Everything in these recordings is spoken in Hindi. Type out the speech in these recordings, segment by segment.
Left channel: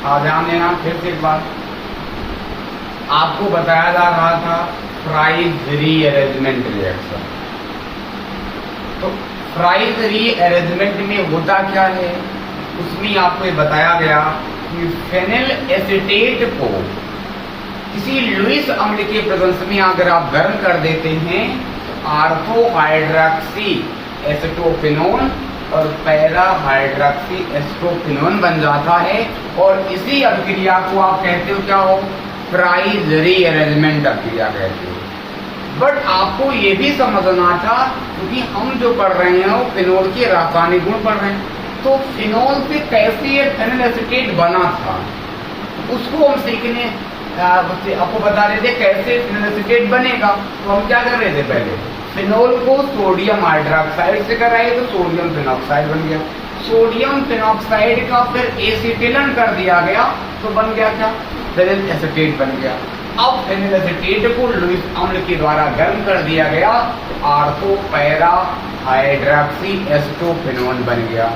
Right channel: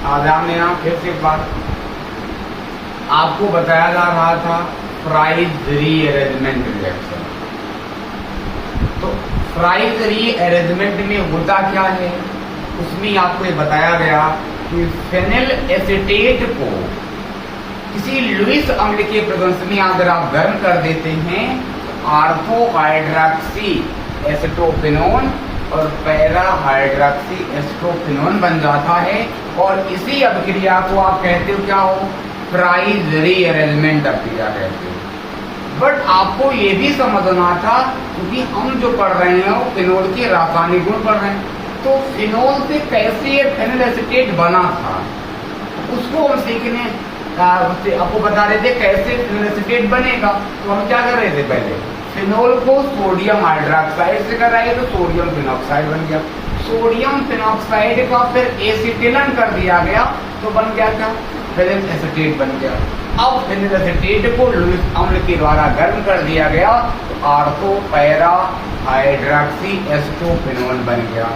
ध्यान देना फिर से एक बात, आपको बताया जा रहा था फ्राइज रीअरेंजमेंट रिएक्शन। तो फ्राइज रीअरेंजमेंट में होता क्या है, उसमें आपको ये बताया गया कि फेनिल एसीटेट को किसी लुईस अम्ल के प्रेजेंस में अगर आप गर्म कर देते हैं तो आर्थो हाइड्रॉक्सी एसिटोफिनोन और पैरा हाइड्रॉक्सी एसिटोफिनोन बन जाता है। और इसी अभिक्रिया को आप कहते हो क्या हो, फ्राइज रीअरेंजमेंट अभिक्रिया कहते हो। बट आपको ये भी समझना था, क्योंकि हम जो पढ़ रहे हैं वो फिनोल के रासायनिक गुण पढ़ रहे हैं, तो फिनोल से कैसे फेनिल एसीटेट बना था उसको हम सीखने आपको बता रहे थे कैसे फेनिल एसीटेट बनेगा। तो हम क्या कर रहे थे, पहले फिनोल को सोडियम हाइड्रोक्साइड से कर रहे थे तो सोडियम फिनॉक्साइड बन गया, सोडियम फिनॉक्साइड का फिर एसिटिलन कर दिया गया तो बन गया क्या, फेनिल एसीटेट बन गया। अब फेनिल एसीटेट को लुईस अम्ल के द्वारा गर्म कर दिया गया तो आर्थो पैरा हाइड्रॉक्सी एसिटोफिनोन बन गया।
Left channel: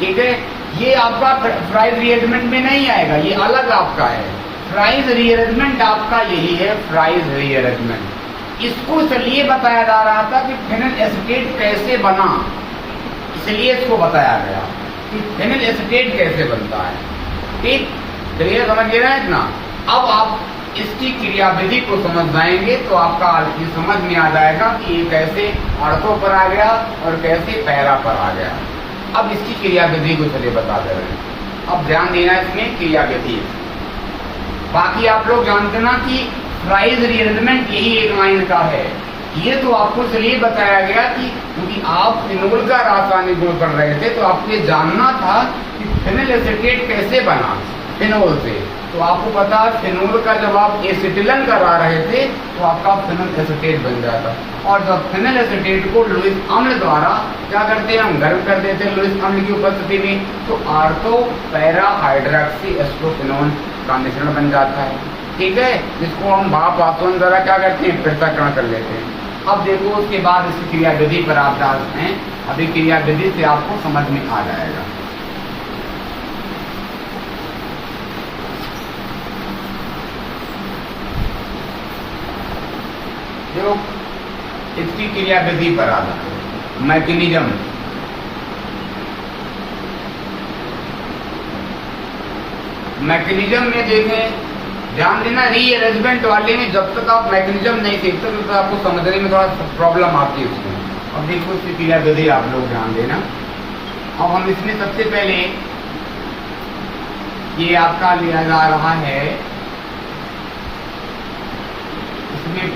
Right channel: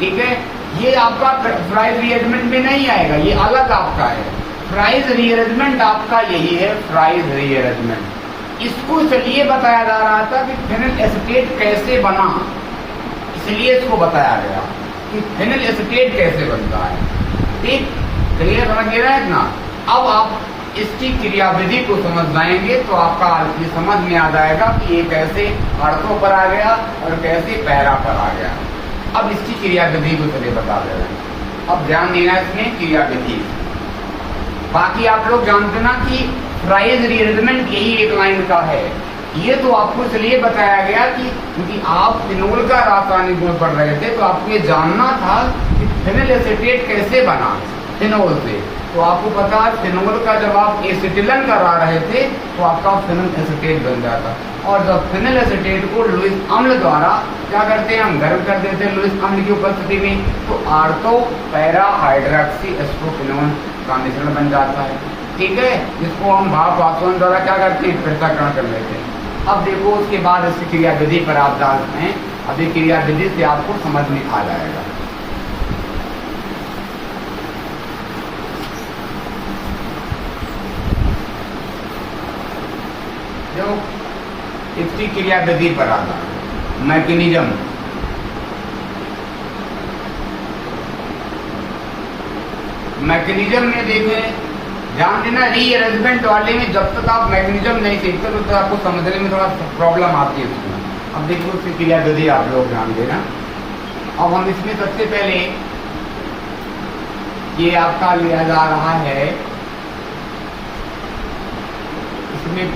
ठीक है, ये आपका फ्राइज रीअरेंजमेंट में नहीं आएगा, ये अलग आपका है। फ्राइज रीअरेंजमेंट आपका यही है, फ्राइज रीअरेंजमेंट। इसको इसलिए बताया जा रहा था कि फेनिल एसीटेट कैसे बना, इसलिए इसको बताया गया कि फेनिल एसीटेट कैसे बनता है। ठीक, क्लियर समझ गए ना इतना। अब आप इसकी क्रियाविधि को समझ जाएंगे तो आपका ये समझ में आ जाएगा कि ये कैसे आर्थो पर आ गया और कैसे पैरा पर आ गया। अब इसकी क्रियाविधि को चलिए बता दे रहे हैं। अब ध्यान देना इसमें क्रियाविधि, बाकी आप लोग जानते ना कि फ्राइज रीअरेंजमेंट यही एक लाइन का है। ये तो आपको इसलिए बताया गया कि क्योंकि आप फिनोल का रासायनिक गुण पढ़ रहे थे तो आपको ये जानना था कि फेनिल एसीटेट कैसे बना फिनोल से। तो आपको पता फिनोल का जब आप एसिटिलन करा रहे थे तो आपका फेनिल एसीटेट बन जाता, और जब फेनिल एसीटेट को लुईस अम्ल द्वारा क्या करते हैं, हम गर्म कर देते हैं लुईस अम्ल की उपस्थिति में, तो आर्थो पैरा हाइड्रॉक्सी एसिटोफिनोन का मिश्रण बन जाता है। ठीक है, जिसको हम भाप वाष्पन द्वारा क्या करते हैं, पृथक्करण कर लेते हैं। अब देखो उसके बाद इस क्रियाविधि पर आप जानते हैं, अभी क्रियाविधि से आपको समझ में आ जाएगा। जो इसकी क्रियाविधि पर आता है, मैकेनिज्म। मैकेनिज्म में देखें, ध्यान देना रीअरेंजमेंट वाले में जब तक आप मैकेनिज्म नहीं सीखते तब तक आपको समझने में थोड़ा प्रॉब्लम आती है उसमें। अब देखो इसकी क्रियाविधि आप लोग ध्यान देना। अब हम इसमें सबसे पहले ये आपका लिया जा रहा है, इसमें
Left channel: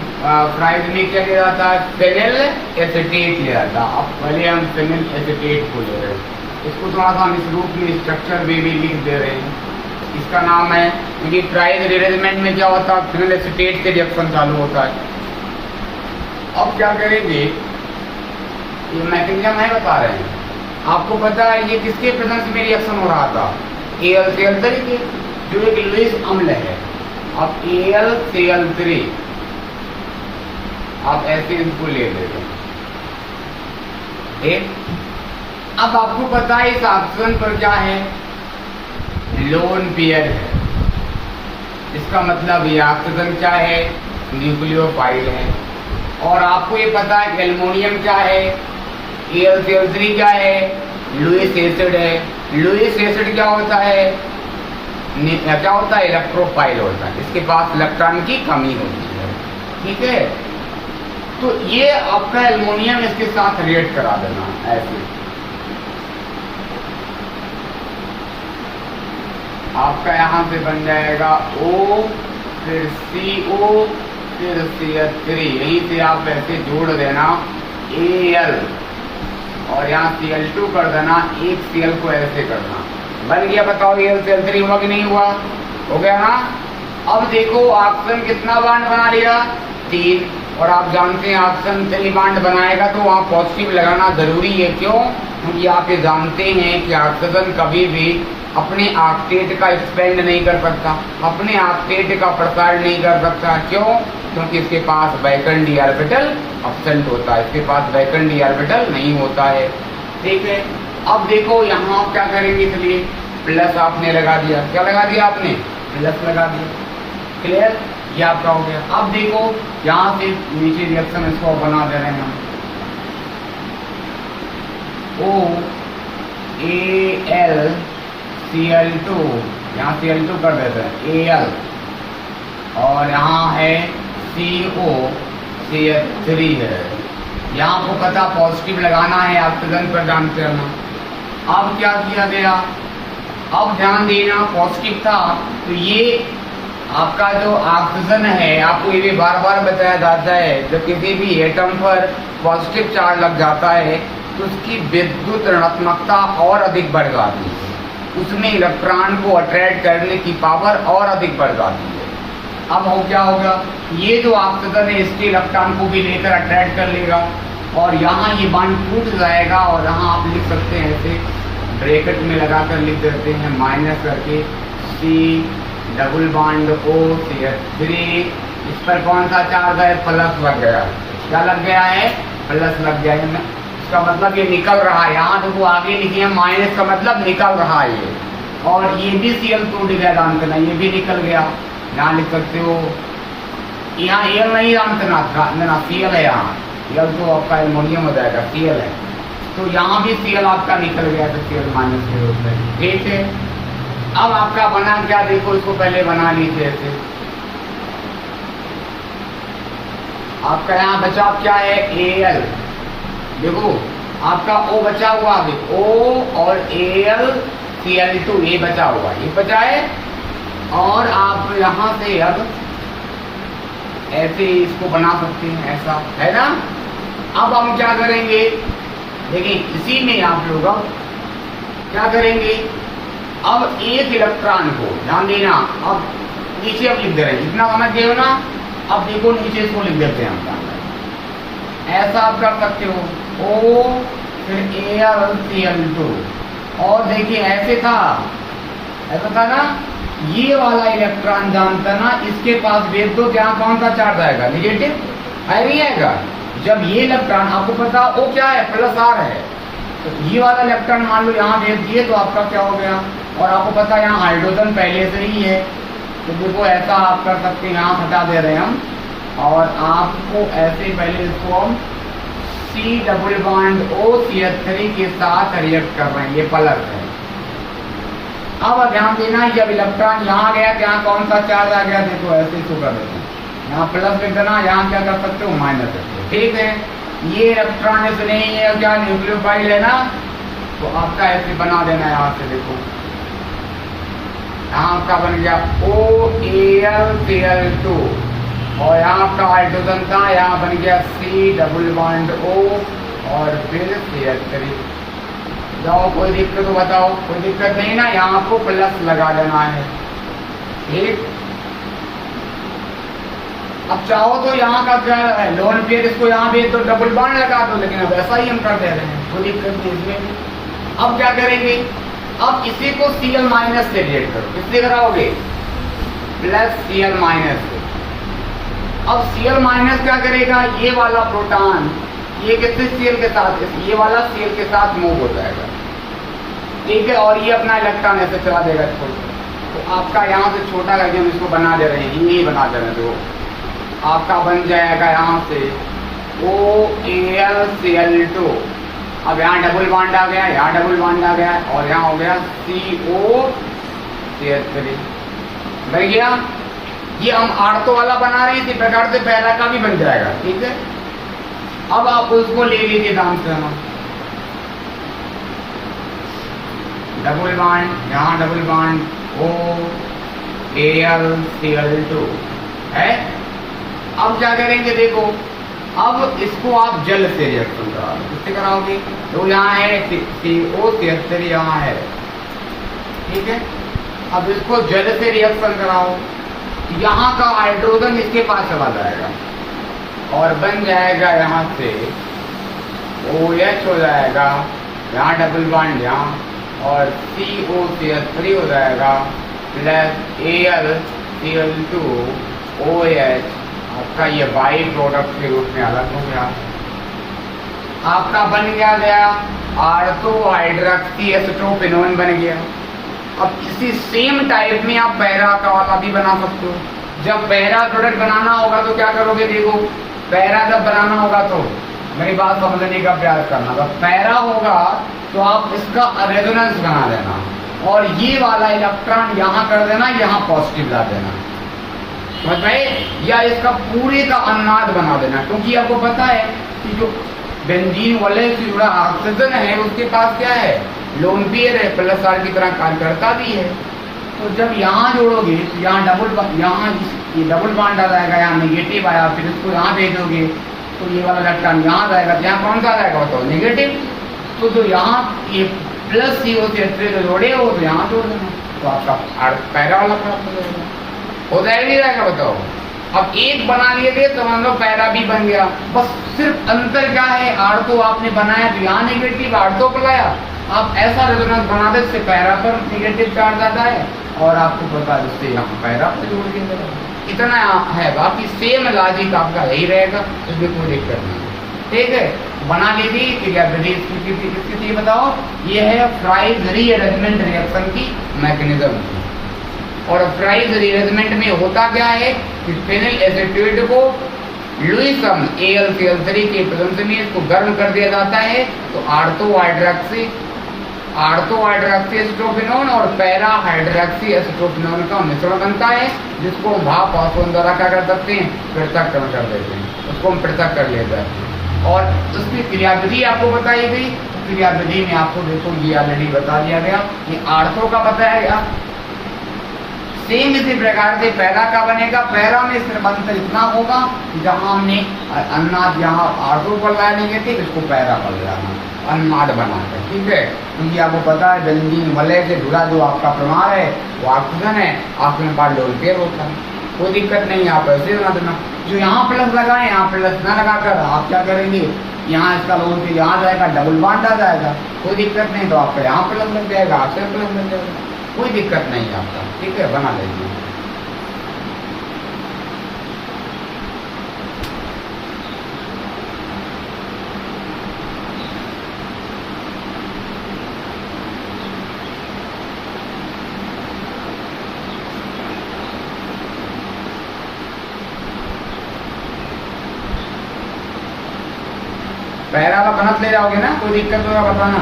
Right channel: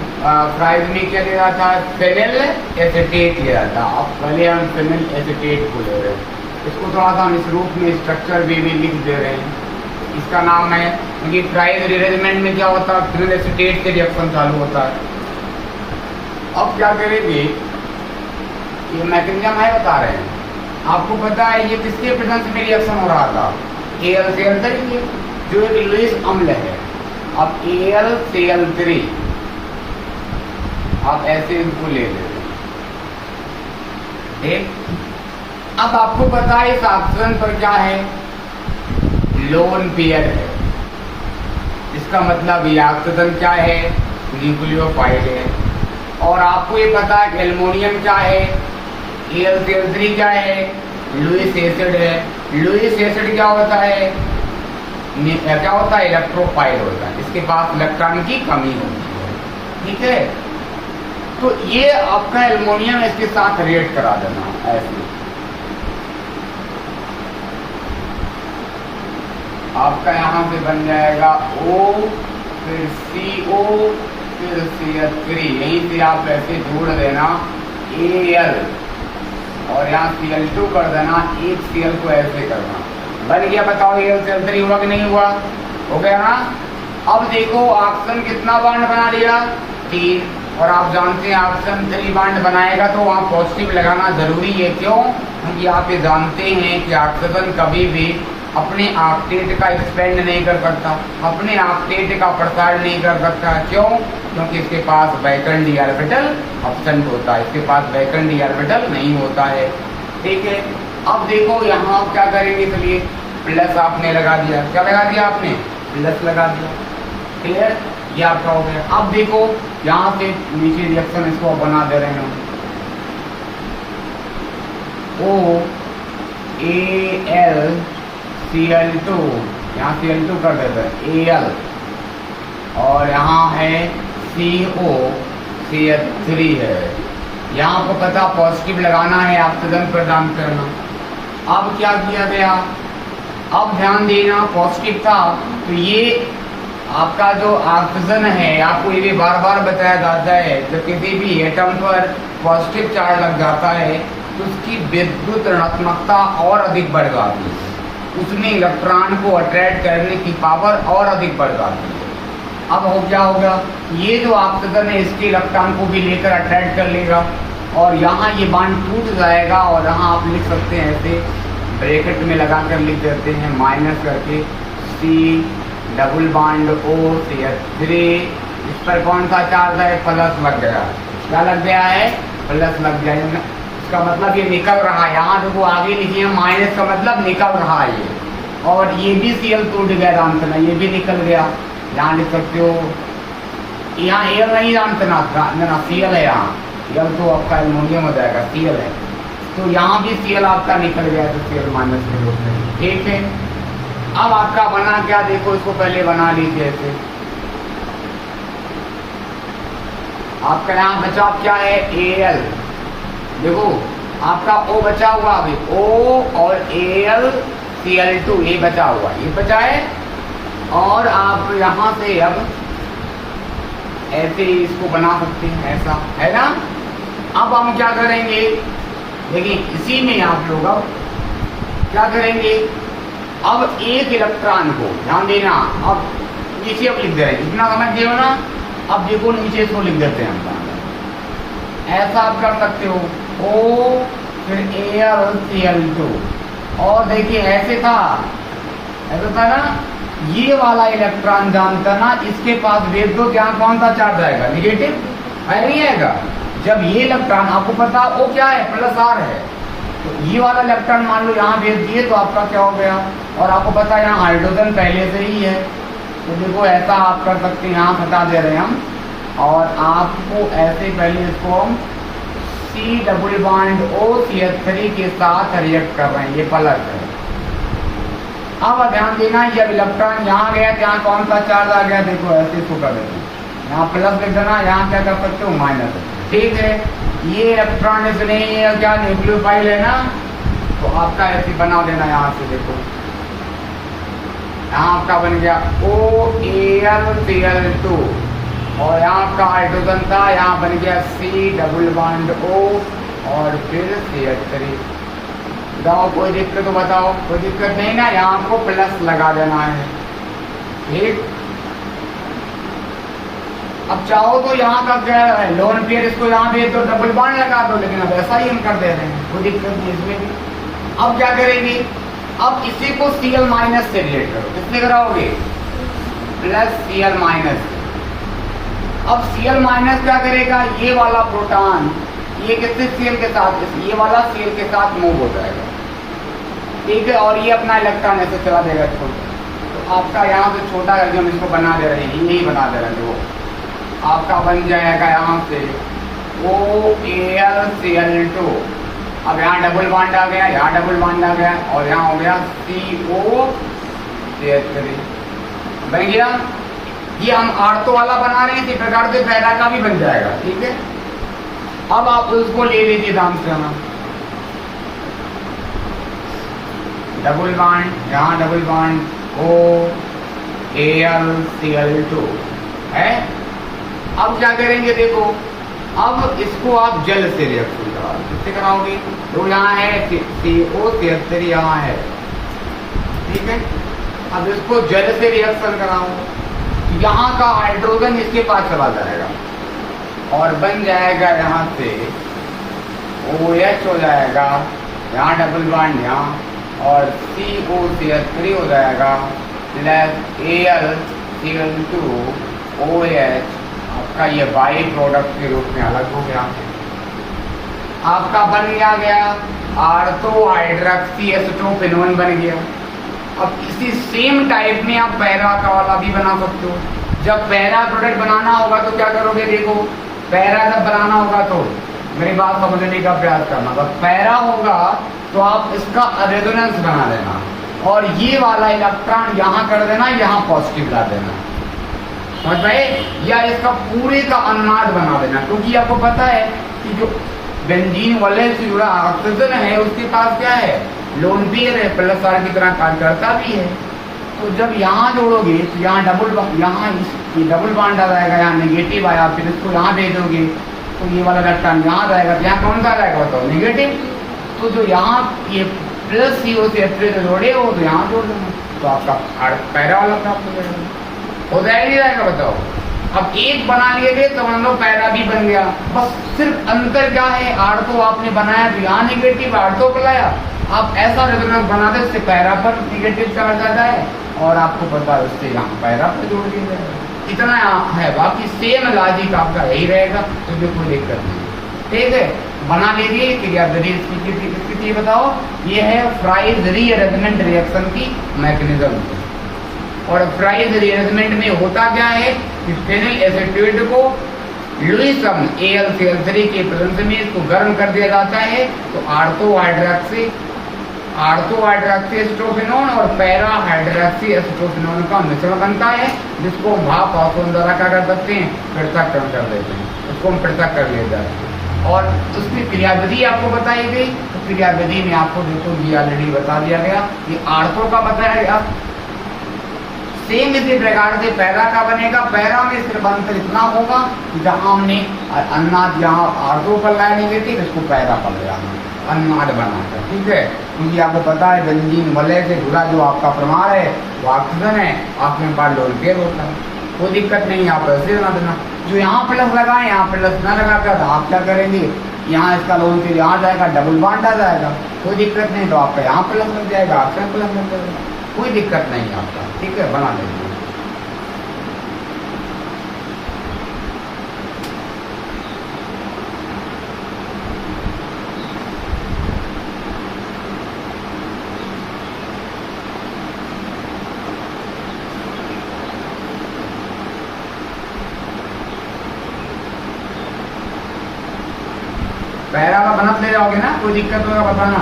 फ्राइज में क्या लिया जाता है, फेनिल एसीटेट लिया जाता। अब पहले हम फेनिल एसीटेट को ले रहे हैं, इसको थोड़ा सा हम इस रूप में स्ट्रक्चर भी लिख दे रहे हैं। इसका नाम है, क्योंकि फ्राइज रीअरेंजमेंट में क्या होता है, फेनिल एसीटेट से रिएक्शन चालू होता है। अब क्या करेंगे, ये मैकेनिज्म है बता रहे हैं आपको। पता है ये किसके प्रेजेंस में रिएक्शन हो रहा था, AlCl3 जो एक लुईस अम्ल है। अब AlCl3 आप ऐसे इनको ले लेते हैं। ठीक, अब आपको पता है इस ऑप्शन पर क्या है, लोन पेयर है। इसका मतलब ये ऑक्सीजन क्या है, न्यूक्लियोफाइल है। और आपको ये पता है कि एल्युमिनियम क्या है, AlCl3 क्या है, लुईस एसिड है। लुईस एसिड क्या होता है, क्या होता है, इलेक्ट्रोफाइल होता है, इसके पास इलेक्ट्रॉन की कमी होती है। ठीक है, तो ये आपका एल्युमिनियम इसके साथ रिएक्ट करा देना ऐसे। आपका यहां से बन जाएगा O, फिर CO, फिर CH3, यहीं से आप ऐसे जोड़ देना Al और यहाँ Cl2 कर देना, एक Cl को ऐसे करना, बन गया। बताओ AlCl3 हुआ कि नहीं हुआ, हो गया ना। अब देखो ऑक्सीजन कितना बॉन्ड बना लिया, 3, और आप जानते हैं ऑक्सीजन 3 बॉन्ड बनाएगा तो वहाँ पॉजिटिव लगाना जरूरी है। क्यों, क्योंकि आप ये जानते हैं कि ऑक्सीजन कभी भी अपने ऑक्टेट का एक्सपेंड नहीं कर सकता, अपने ऑक्टेट का प्रसार नहीं कर सकता। क्यों, क्योंकि इसके पास वैकेंट डी ऑर्बिटल एब्सेंट होता है, इसके पास वैकेंट डी ऑर्बिटल नहीं होता है। ठीक है, अब देखो यहाँ क्या करेंगे, चलिए प्लस आपने लगा दिया, क्या लगा दिया आपने, प्लस लगा दिया। क्लियर, ये आपका हो गया। अब देखो यहाँ से नीचे रिएक्शन इसको बना दे रहे हैं हम, OAlCl2, यहाँ Cl2 कर देते हैं Al, और यहाँ है COCl3 है। यहाँ आपको पता पॉजिटिव लगाना है, ऑक्सीजन प्रदान करना। अब क्या किया गया, अब ध्यान देना पॉजिटिव था तो ये आपका जो ऑक्सीजन है, आपको ये भी बार बार बताया जाता है जब किसी भी एटम पर पॉजिटिव चार्ज लग जाता है तो उसकी विद्युत ऋणात्मकता और अधिक बढ़ जाती है, उसमें इलेक्ट्रॉन को अट्रैक्ट करने की पावर और अधिक बढ़ जाती है। अब हो क्या होगा, ये जो ऑक्सीजन है इसके इलेक्ट्रॉन को भी लेकर अट्रैक्ट कर लेगा और यहाँ ये बॉन्ड टूट जाएगा और यहाँ आप लिख सकते हैं ऐसे ब्रैकेट में लगाकर लिख देते हैं माइनस करके C डबल बॉन्ड OCl3, इस पर कौन सा चार्ज है, प्लस लग गया। क्या लग गया है, प्लस लग गया। इसका मतलब ये निकल रहा है, यहाँ देखो आगे लिखिए माइनस का मतलब निकल रहा है ये, और ये भी Cl टूट गया रामतना, ये भी निकल गया। यहाँ लिख सकते हो, यहाँ Al नहीं रामतना, Cl है यहाँ, L तो आपका एल्युमिनियम हो जाएगा, Cl है, तो यहाँ भी Cl आपका निकल गया तो Cl माइनस के रूप में। ठीक है, अब आपका बना क्या, देखो इसको पहले बना लीजिए ऐसे। आपका यहाँ बचा क्या है, Al, देखो आपका O बचा हुआ, अभी O और AlCl2 ये बचा हुआ, ये बचा है। और आप यहाँ से अब ऐसे इसको बना सकते हैं, ऐसा है ना। अब हम क्या करेंगे, देखिए इसी में आप लोग अब क्या करेंगे, अब एक इलेक्ट्रॉन को ध्यान देना, अब नीचे अब लिख दे रहे हैं, इतना समझ गए हो ना। अब देखो नीचे इसको लिख देते हैं हम, ऐसा आप कर सकते हो O फिर AlCl2, और देखिए ऐसे था, ऐसा था ना, ये वाला इलेक्ट्रॉन जानता ना, इसके पास विद्युत यहाँ कौन सा चार्ज आएगा, निगेटिव है, नहीं आएगा। जब ये इलेक्ट्रॉन आपको पता O क्या है, प्लस R है, तो ये वाला इलेक्ट्रॉन मान लो यहाँ भेज दिए तो आपका क्या हो गया, और आपको पता है यहाँ हाइड्रोजन पहले से ही है, तो देखो ऐसा आप कर सकते हैं, यहाँ बता दे रहे हैं हम, और आपको ऐसे पहले इसको हम C डबल बॉन्ड OCl3 के साथ रिएक्ट कर रहे हैं, ये प्लस है। अब ध्यान देना, जब इलेक्ट्रॉन यहाँ गया यहाँ कौन सा चार्ज आ गया, देखो ऐसे इसको कर देना, यहाँ प्लस लिख देना, यहाँ क्या कर सकते हो, माइनस। ठीक है, ये इलेक्ट्रॉन इसने क्या न्यूक्लियोफाइल है ना, तो आपका ऐसे बना देना, यहाँ से देखो यहाँ आपका बन गया OAlCl2, और यहाँ आपका हाइड्रोजन था, यहाँ बन गया C डबल बॉन्ड O और फिर CH3। बताओ कोई दिक्कत हो, बताओ कोई दिक्कत नहीं ना, यहाँ आपको प्लस लगा देना है। ठीक, अब चाहो तो यहाँ का क्या है, लोन पेयर इसको यहाँ भी तो डबल बॉन्ड लगा दो, लेकिन अब ऐसा ही हम कर दे रहे हैं, कोई दिक्कत नहीं इसमें भी। अब क्या करेंगे, अब इसी को Cl माइनस से रिलेट करो, किससे कराओगे, प्लस Cl माइनस से। अब Cl माइनस क्या करेगा, ये वाला प्रोटॉन ये किससे Cl के साथ, ये वाला Cl के साथ मूव हो जाएगा। ठीक है, और ये अपना इलेक्ट्रॉन ऐसे चला देगा इसको, तो आपका यहाँ से छोटा करके हम इसको बना दे रहे हैं, यही बना दे रहे हैं, जो आपका बन जाएगा यहाँ से OAlCl2। अब यहाँ डबल बॉन्ड आ गया, यहाँ डबल बॉन्ड आ गया, और यहाँ हो गया COCl3 बन गया। ये हम आर्थो वाला बना रहे हैं, इसी प्रकार से पहला का भी बन जाएगा। ठीक है, अब आप उसको ले लीजिए ध्यान से, हम डबल बॉन्ड, यहाँ डबल बॉन्ड OAlCl2 है। अब क्या करेंगे, देखो अब इसको आप जल से रिएक्शन कराओगे, किससे कराओगे, तो यहाँ है COCl3 यहाँ है। ठीक है, अब इसको जल से रिएक्शन कराओ, यहाँ का हाइड्रोजन इसके पास चला जाएगा और बन जाएगा यहाँ से OH हो जाएगा, यहाँ डबल बॉन्ड यहाँ, और COCl3 हो जाएगा प्लस AlCl2 OH, आपका ये बाई प्रोडक्ट के रूप में अलग हो गया। आपका बन गया आर्थो हाइड्रोक्सी एसीटोपेनोन बन गया। अब इसी सेम टाइप में आप पैरा का वाला भी बना सकते हो। जब पैरा प्रोडक्ट बनाना होगा तो क्या करोगे, देखो पैरा जब बनाना होगा तो मेरी बात समझने का प्रयास करना। जब पैरा होगा तो आप इसका रेजोनेंस बना देना और ये वाला इलेक्ट्रॉन यहाँ कर देना, यहाँ पॉजिटिव ला देना, समझ पाए, या इसका पूरे का अनुनाद बना देना। क्योंकि आपको पता है कि जो बेंजीन वाले से जुड़ा ऑक्सीजन है उसके पास क्या है, लोन पेयर है, प्लस आर की तरह कार्य करता भी है। तो जब यहाँ जोड़ोगे तो यहाँ यहाँ ये डबल बॉन्ड आ जाएगा, यहाँ नेगेटिव आया, फिर इसको यहाँ भेजोगे तो ये वाला इलेक्ट्रॉन यहाँ जाएगा, तो यहाँ कौन सा आ जाएगा बताओ, नेगेटिव। तो जो यहाँ ये प्लस CO से जोड़े हो तो यहाँ जोड़ देना, तो आपका पैरा वाला प्राप्त हो जाएगा। हो जाएगा नहीं जाएगा बताओ। अब एक बना लिए थे तो मान लो पैरा भी बन गया, बस सिर्फ अंतर क्या है, आर्थो आपने बनाया तो यहाँ नेगेटिव आर्थो को लाया, आप ऐसा रेजोनेंस बना दे इससे पैरा पर नेगेटिव चार्ज आता है और आपको पता है उससे यहाँ पैरा पर जोड़ दिया जाएगा। इतना है, बाकी सेम लॉजिक आपका यही रहेगा, तो कोई दिक्कत नहीं। ठीक है, बना लीजिए क्रियाविधि इसकी बताओ। ये है फ्राइज रीअरेंजमेंट रिएक्शन की मैकेनिज्म। और फ्राइज रीअरेंजमेंट में होता क्या है कि फेनिल एसीटेट को लुईसम AlCl3 के प्रेजेंस में इसको गर्म कर दिया जाता है, तो आर्थो हाइड्रोक्सी एसिटोफिनोन और पैरा हाइड्रोक्सी एसिटोफिनोन का मिश्रण बनता है, जिसको हम भाप वाष्पन द्वारा क्या कर सकते हैं, पृथक्करण कर देते हैं, उसको हम पृथक कर लेते हैं। और उसकी क्रियाविधि आपको बताई गई, तो क्रियाविधि में आपको देखो ये ऑलरेडी बता दिया गया, ये आर्थो का बताया गया। सेम इसी प्रकार से पैरा का बनेगा। पैरा में सिर्फ अंतर इतना होगा कि जहाँ हमने अनुनाद यहाँ आर्थो पर लाया नेगेटिव, इसको पैरा पर लगाना अनुनाद बनाकर, ठीक है। क्योंकि आपको पता है बेंजीन वलय से जुड़ा जो आपका प्रमाण है वो ऑक्सीजन है, ऑक्सीजन पर लोन पेयर होता है, कोई दिक्कत नहीं है, आप ऐसे बना देना। जो यहाँ प्लस लगाए यहाँ प्लस ना लगाकर आप क्या करेंगे, यहाँ इसका लोन पेयर यहाँ जाएगा, डबल बॉन्ड आ जाएगा, कोई दिक्कत नहीं, तो आपका यहाँ प्लस लग जाएगा, आपका प्लस लग जाएगा, कोई दिक्कत नहीं है आपका, ठीक है, बना लेंगे। पैरा वाला बनत ले जाओगे ना, कोई दिक्कत होगा बताना।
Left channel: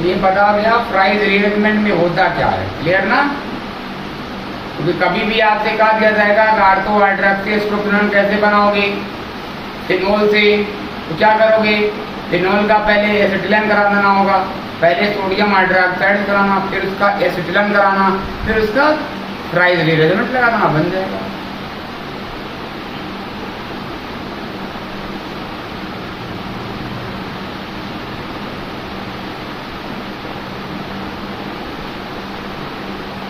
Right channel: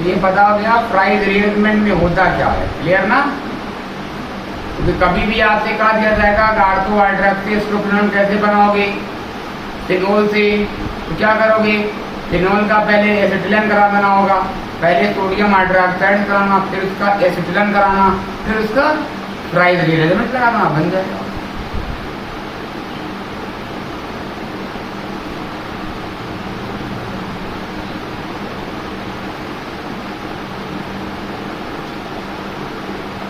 ये बता दिया फ्राइज रीअरेंजमेंट में होता क्या है, क्लियर ना। क्योंकि कभी भी आपसे कहा दिया जाएगा आर्थो हाइड्रोक्सी एसिटोफिनोन कैसे बनाओगे फिनोल से, तो क्या करोगे, फिनोल का पहले एसिटिलीन करा देना होगा, पहले सोडियम हाइड्रोक्साइड कराना, फिर उसका एसिटिलीन कराना, फिर उसका फ्राइज रीअरेंजमेंट लगा देना, बन जाएगा।